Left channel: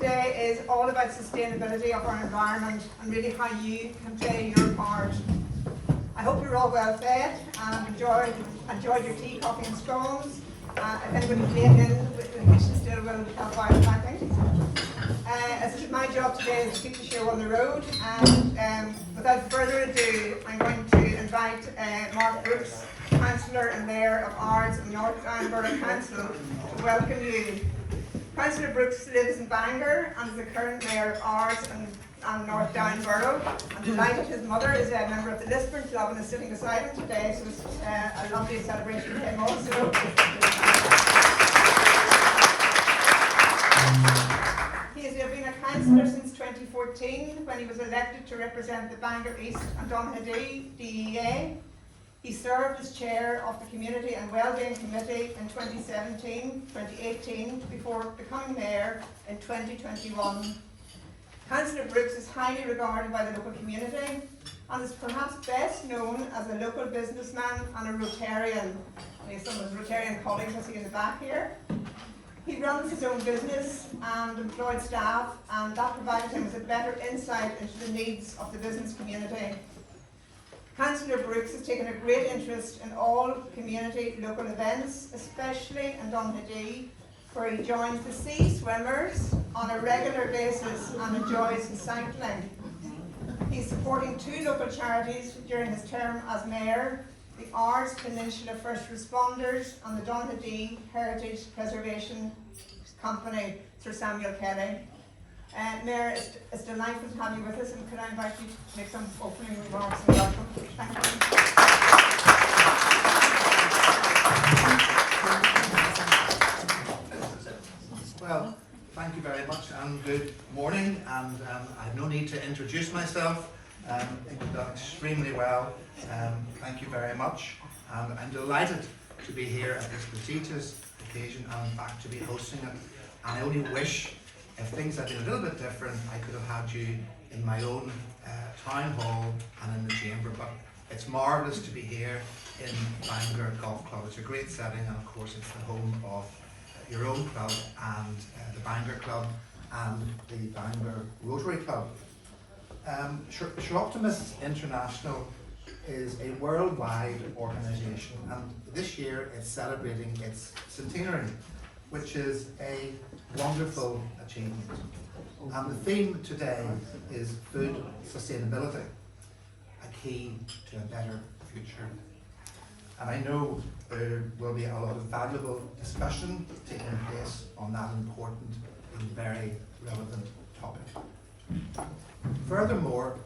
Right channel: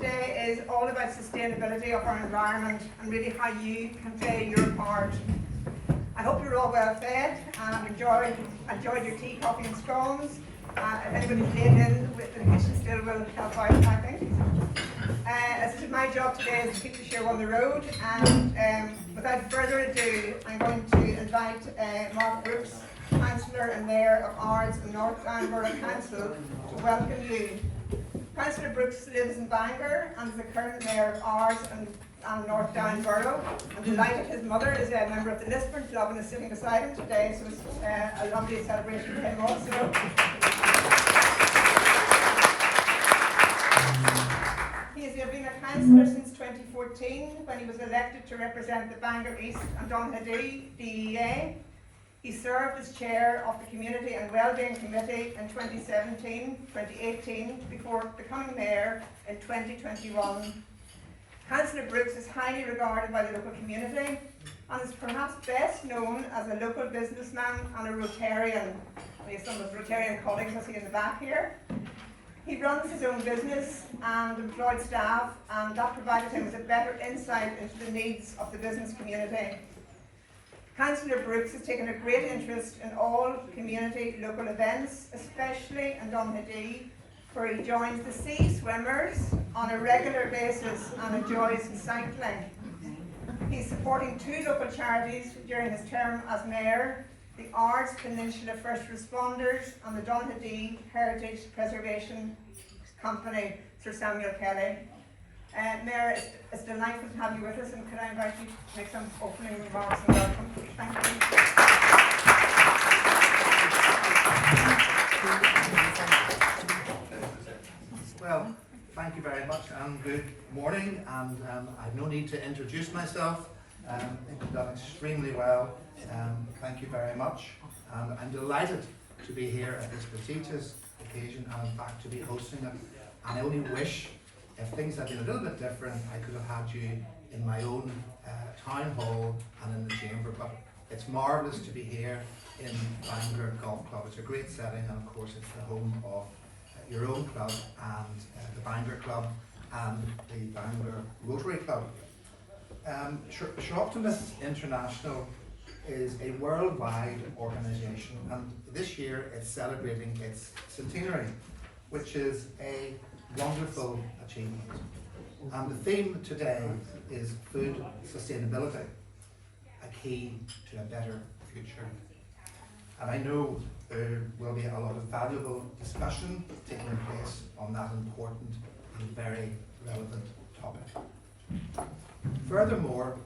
today is all about sustainability of our environment and really how you can play your part. I hope you're all well fed and enjoyed your tea, coffee and scones. If anybody's late in with the kitchen still will help out, I think. As it is my job today is to keep the show on the road, and without further ado, I'm going to invite Mark Brooks, Councillor and Mayor of Ards and North Down Borough Council, to welcome you. Councillor Brooks lives in Bangor and is the current Mayor of Ards and North Down Borough. I'm delighted his mother is a member of the Lisburn Club and is sitting beside him today, so it's a lovely celebration for him also. He has been a councillor since 2014 when he was elected to represent the Bangor East and Donaghadee DEA. He served as chair of the Community and Wellbeing Committee in 2017-2018 before becoming mayor in 2021. Councillor Brooks is highly regarded by the local community and is perhaps best known as a local businessman and a Rotarian. We have some of his Rotarian colleagues I see in the back here. He runs his own business and employed staff, and that provided him with a better insight into the needs of the business community. Councillor Brooks has taken a great interest in all community local events, especially in Donaghadee, where he joins the sea swimmers on a regular basis and enjoys cycling. He's supporting two local charities during his term as mayor: the Ards Peninsula First Responders and the Donaghadee Heritage Preservation Company, Sir Samuel Kelly. Mayor, it's delightful to have you with us, and could I invite you to make some opening remarks and welcome? Thank you. Well, thank you very much and good morning, and I have no need to introduce myself. I think you've done extremely well. Thank you very much, and I'm delighted to be here at this prestigious occasion and in fact to be hosting it. And I only wish, if things had been a little bit different, I could have had you in my own town hall and in the chamber, but it's marvellous to be here in Bangor Golf Club. It's a great setting, and of course it's the home of your own club and the Bangor Club and the Bangor Rotary Club. Soroptimist International is a worldwide organisation, and this year it's celebrating its centenary, which is a wonderful achievement. And the theme today is food sustainability, a key to a better future. And I know there will be a lot of valuable discussion taking place on that important and very relevant topic. Furthermore,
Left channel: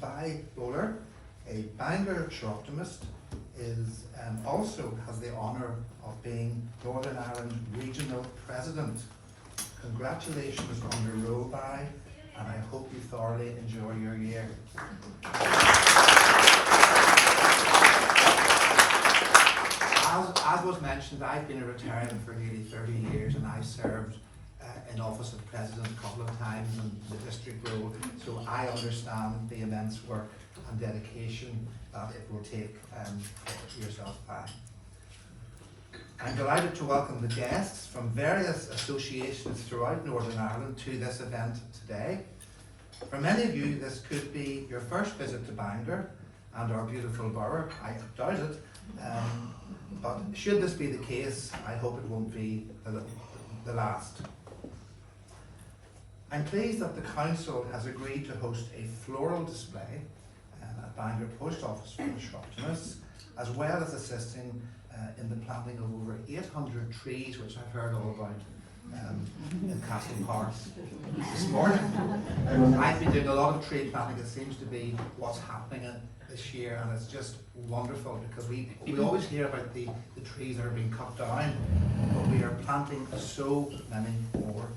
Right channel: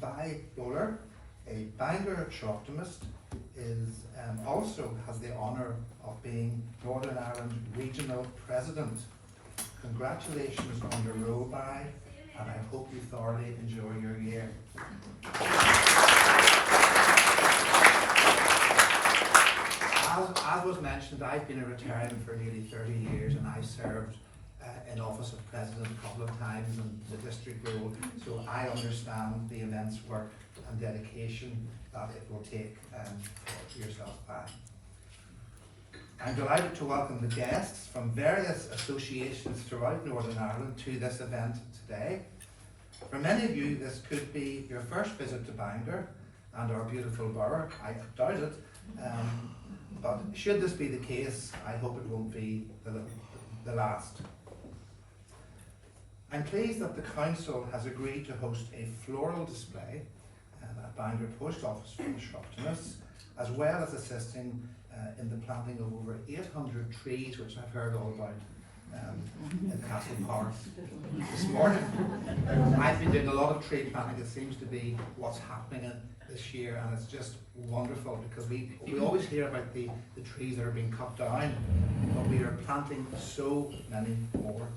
Vi Bowler, a Bangor Soroptimist, also has the honour of being Northern Ireland Regional President. Congratulations on your role, Vi, and I hope you thoroughly enjoy your year. As was mentioned, I've been a Rotarian for nearly 30 years, and I've served in office of President a couple of times in the district role, so I understand the immense work and dedication that it will take yourself by. I'm delighted to welcome the guests from various associations throughout Northern Ireland to this event today. For many of you, this could be your first visit to Bangor and our beautiful borough. I doubt it, but should this be the case, I hope it won't be the last. I'm pleased that the Council has agreed to host a floral display at Bangor Post Office for the Soroptimists, as well as assisting in the planting of over 800 trees, which I've heard all about in Castle Park this morning. I've been doing a lot of tree planting. It seems to be what's happening this year, and it's just wonderful because we always hear about the trees that are being cut down, but we are planting so many more.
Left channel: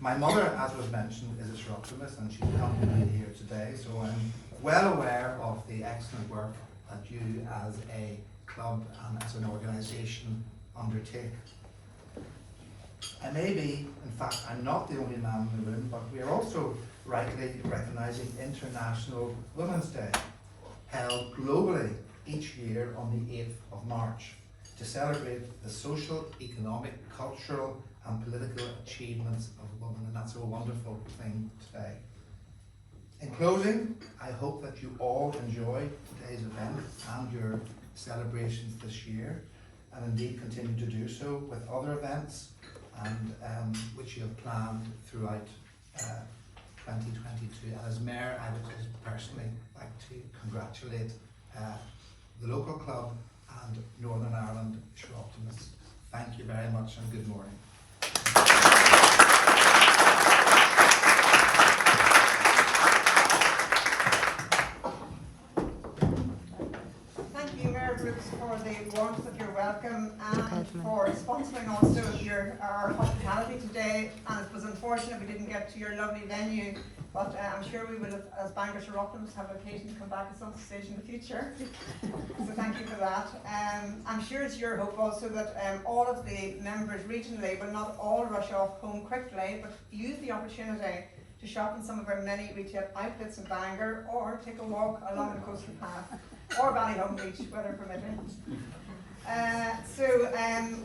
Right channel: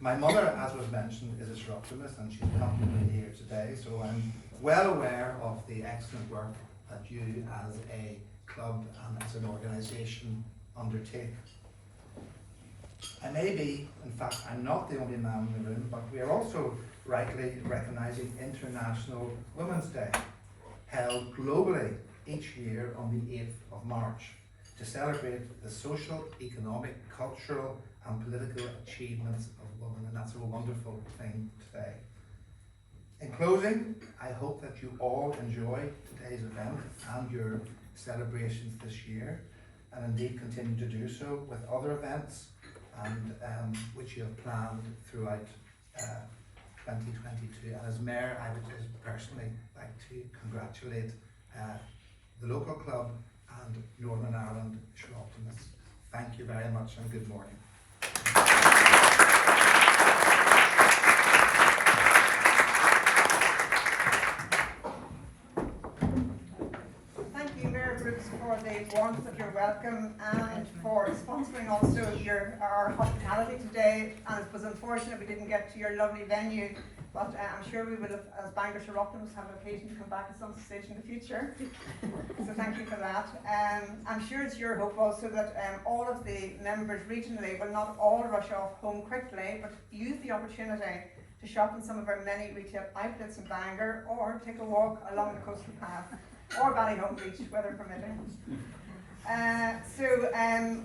My mother, as was mentioned, is a Soroptimist, and she's accompanying me here today, so I'm well aware of the excellent work that you as a club and as an organisation undertake. I may be, in fact, I'm not the only man in the room, but we are also rightly recognising International Women's Day, held globally each year on the 8th of March, to celebrate the social, economic, cultural and political achievements of women, and that's a wonderful thing today. In closing, I hope that you all enjoy today's event and your celebrations this year, and indeed continue to do so with other events and which you have planned throughout 2022. And as Mayor, I would just personally like to congratulate the local club and Northern Ireland Soroptimists. Thank you very much and good morning. Thank you, Mayor Brooks, for the warmth of your welcome and for sponsoring also our hospitality today. And it was unfortunate we didn't get to your lovely venue, but I'm sure we will, as Bangor Soroptimists, have occasion to come back at some stage in the future. So thank you for that. I'm sure it's your hope also that all of the members regionally will not all rush off home quickly, but use the opportunity to shop in some of our many retail outlets in Bangor, or take a walk along the coastal path, or Ballyhome Beach, weather permitting.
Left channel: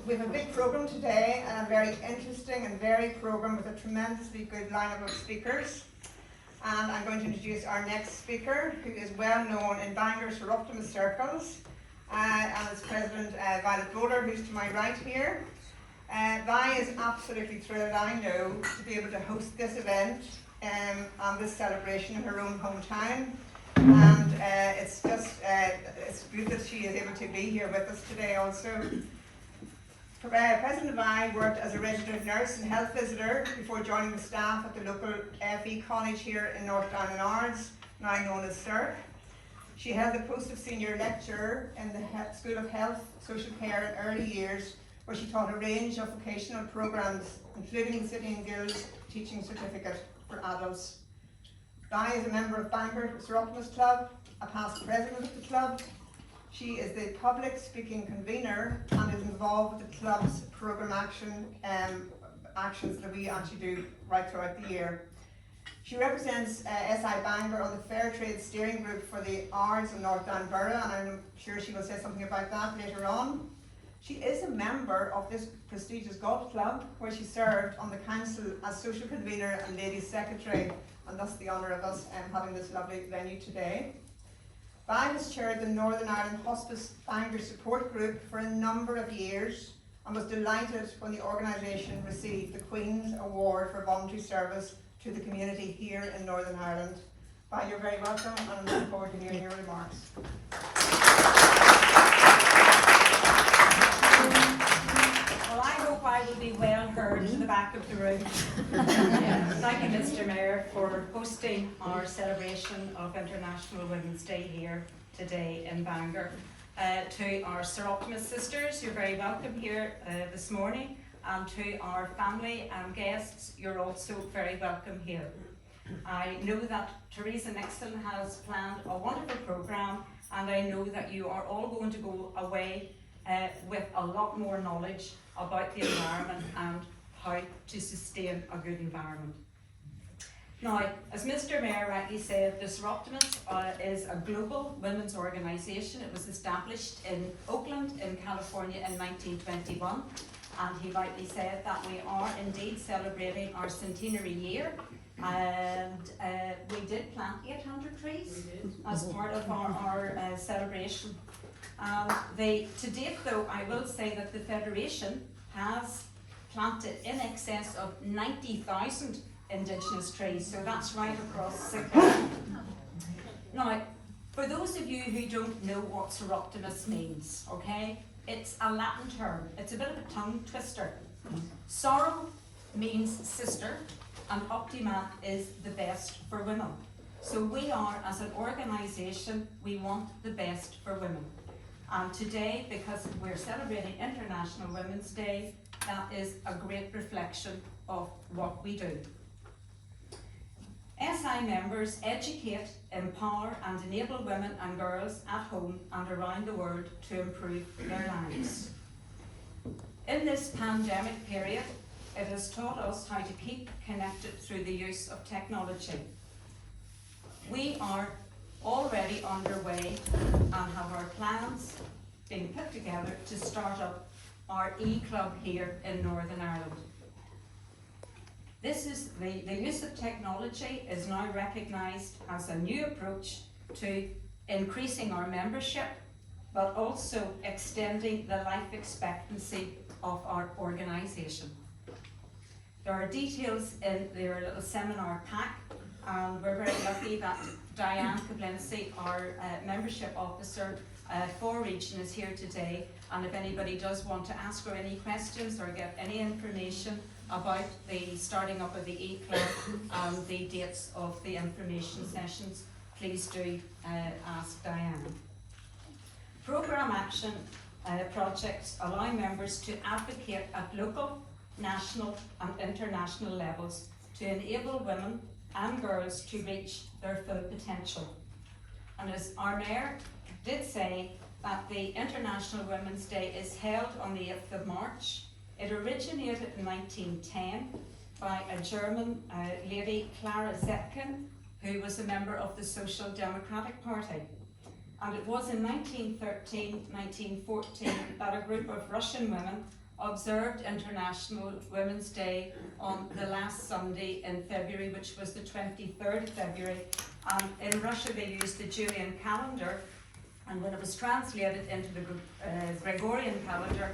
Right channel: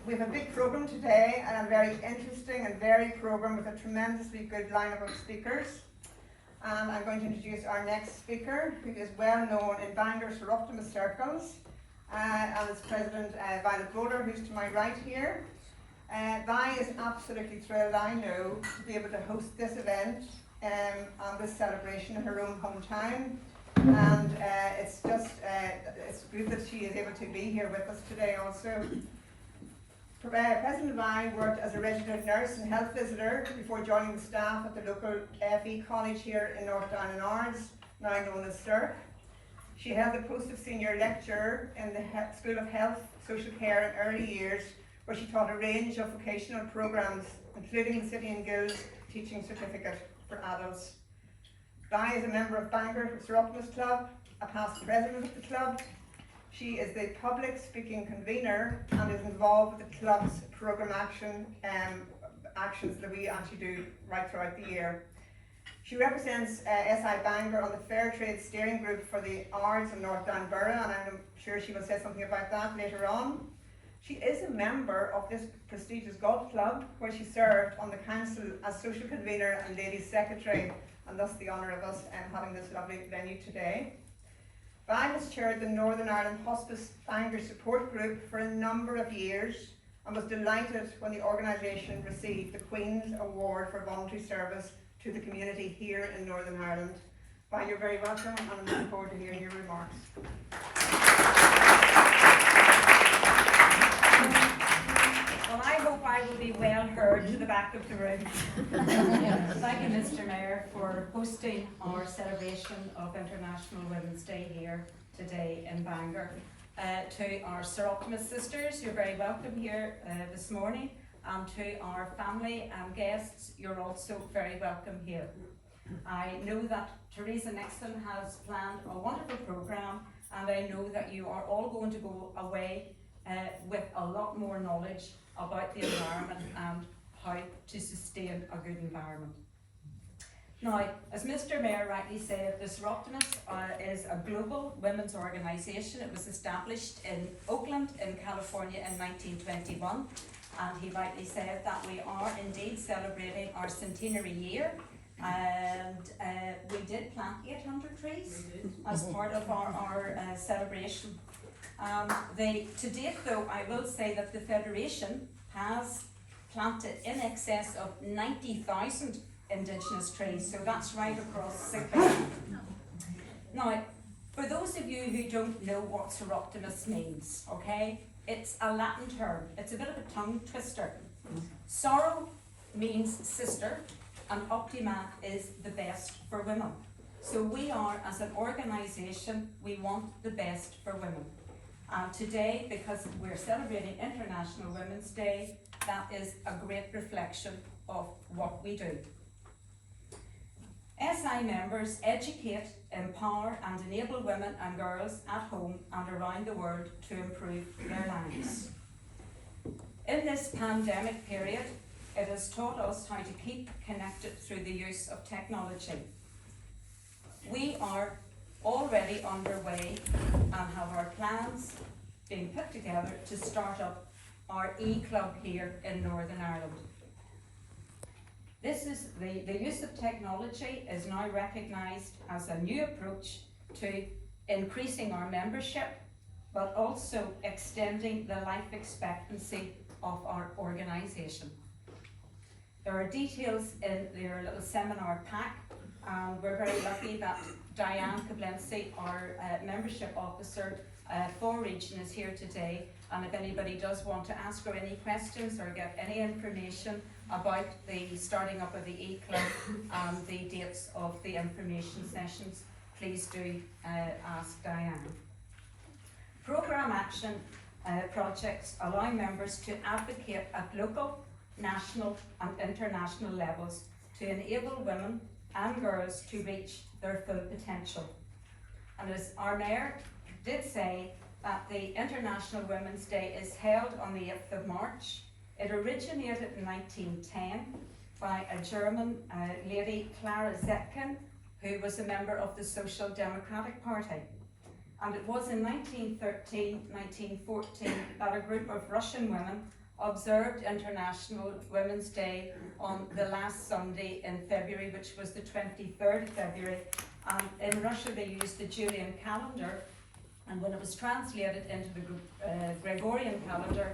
We have a big programme today, and a very interesting and varied programme with a tremendously good lineup of speakers. And I'm going to introduce our next speaker, who is well known in Bangor Soroptimist circles, and it's President Violet Broder, who's to my right here. Vi is absolutely thrilled, I know, to be able to host this event and this celebration in her own hometown. And it's good that she is able to be here with us today also. President Vi worked as a registered nurse and health visitor before joining the staff at the local FE college here in North Down in Ards, now known as SERC. She held the post of senior lecturer in the School of Health, Social Care and Early Years, where she taught a range of vocational programmes, including the City and Guilds Teaching Certificate for Adults. Vi is a member of Bangor Soroptimist Club, a past president of the club. She is the public speaking convener and is involved with the club's programme actions that we actually do right throughout the year. She represents SI Bangor on the Fair Trade Steering Group for the Ards and North Down Borough, and I'm sure she will say something about that later on. She is a member of this prestigious golf club, where she served on the council as social convener and ladies secretary, and thus the honour of us having this lovely venue today. Vi has chaired the Northern Ireland Hospice Bangor Support Group for a number of years, and was delighted when the organisation received the Queen's Award for Voluntary Service to the community here in Northern Ireland. Vi, you're very welcome, and I'm looking forward to hearing your remarks. Well, I hope I will be well heard to the back of the room. Thank you, Mr. Mayor, for hosting our celebration of International Women's Day here today in Bangor. To our Soroptimist sisters, you're very welcome here this morning, and to our family and guests, you're also very welcome here. I know that Theresa Nixon has planned a wonderful programme, and I know that you are all going to go away with a lot more knowledge about the environment and how to sustain a good environment. Now, as Mr. Mayor rightly said, the Soroptimist is a global women's organisation. It was established in Oakland in California in 1921, and he rightly said that we are indeed celebrating our centenary year, and we did plant 800 trees as part of our celebration. To date though, I will say that the Federation has planted in excess of 90,000 Indigenous trees, so that's right across the country. Now, for those of you who don't know what Soroptimist means, okay, it's a Latin term, it's a bit of a tongue twister. Soro means sister, and Optima is the best for women. So we are, as an organisation, we want the best for women. And today, because we're celebrating International Women's Day, that is a great reflection of what we do. SI members educate, empower and enable women and girls at home and around the world to improve their lives. In this pandemic period, it has taught us how to keep connected through the use of technology. We are already underway and have our plans being put together to start up our e-club here in Northern Ireland. The use of technology is now recognised as a new approach to increasing our membership, but also extending the life expectancy of our organisation. There are details in your little seminar pack, and we're very lucky that Diane Koblinski, our membership officer for Region, is here today. And if anybody does want to ask her any questions or get any information about the starting up of the e-club and the dates of the information sessions, please do ask Diane. Programme action projects allow members to advocate at local, national and international levels to enable women and girls to reach their full potential. And as our Mayor did say, that the International Women's Day is held on the 8th of March. It originated in 1910 by a German lady, Clara Zetkin, who was a member of the Social Democratic Party. And it was in 1913, 1914 that a group of Russian women observed International Women's Day on the last Sunday in February, which was the 23rd of February. And in Russia they used the Julian calendar, and when it was translated into the Gregorian calendar,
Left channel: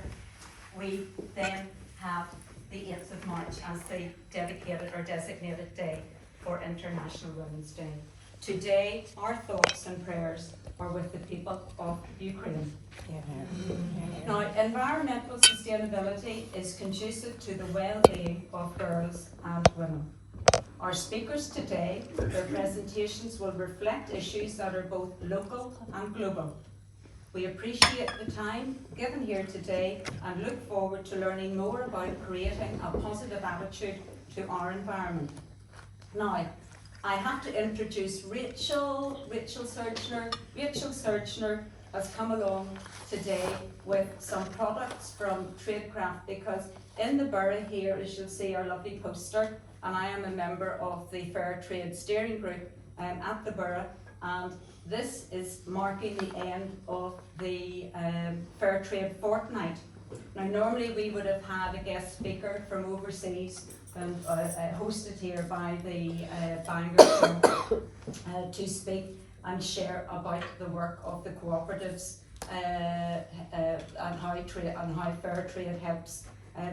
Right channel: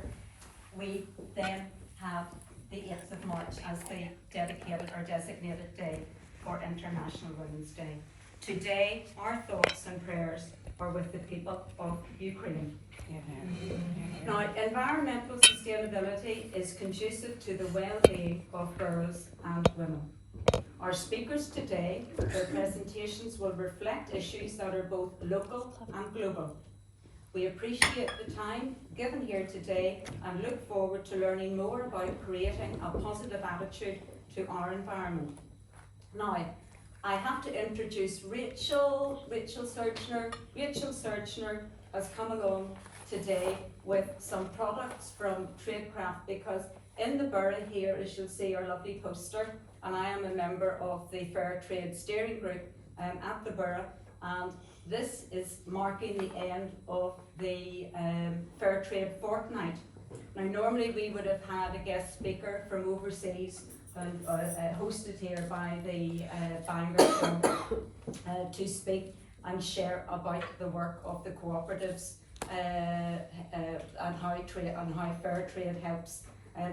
we then have the 8th of March as the dedicated or designated day for International Women's Day. Today, our thoughts and prayers are with the people of Ukraine. Now, environmental sustainability is conducive to the well-being of girls and women. Our speakers today, their presentations will reflect issues that are both local and global. We appreciate the time given here today and look forward to learning more about creating a positive attitude to our environment. Now, I have to introduce Rachel Searchner. Rachel Searchner has come along today with some products from Tradecraft, because in the borough here, as you'll see, our lovely poster, and I am a member of the Fair Trade Steering Group at the borough, and this is marking the end of the Fair Trade Fortnight. Now, normally we would have had a guest speaker from overseas and hosted here by the Bangor to speak and share about the work of the cooperatives and how fair trade helps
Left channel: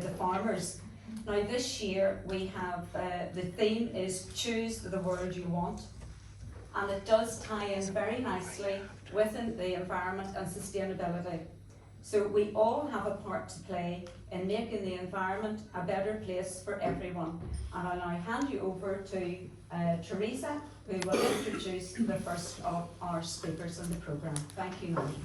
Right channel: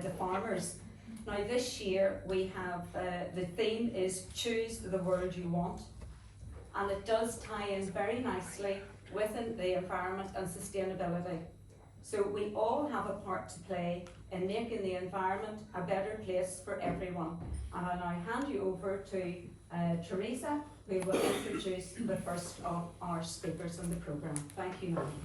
the farmers. Now, this year we have the theme is Choose the World You Want, and it does tie in very nicely within the environment and sustainability. So we all have a part to play in making the environment a better place for everyone. And I'll now hand you over to Theresa, who will introduce the first of our speakers in the programme. Thank you, Nancy.